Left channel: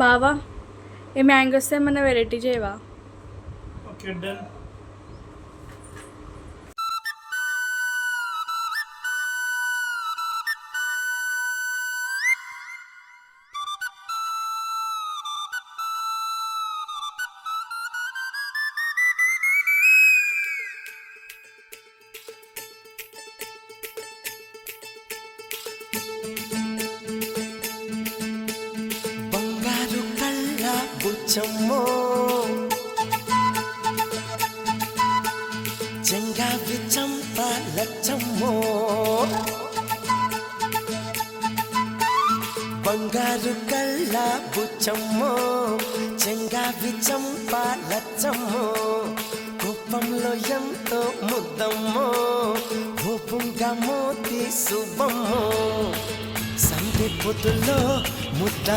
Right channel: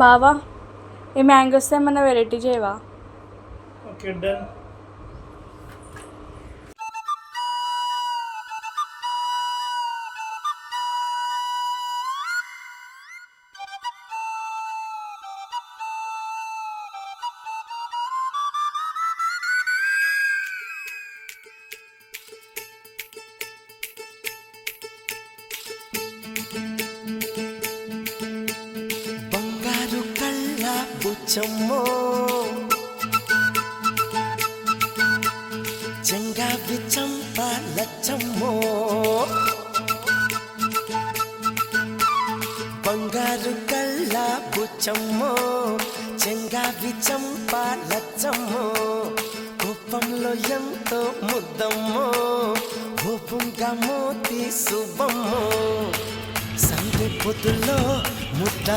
బావా ఈ మ్యాంగోస్ ఏమన్నా వెరైటీ చేయవా? Okay done. బంగారు కళ్ళ బుచ్చమ్మో, చెంగావి చంప లచ్చమ్మో. బంగారు కళ్ళ బుచ్చమ్మో, చెంగావి చంప లచ్చమ్మో. కోపంలో ఎంతో ముద్దమ్మో, ఓపుంగా మోతి శుభమ్మో. సంధి పొద్దులో ముద్ద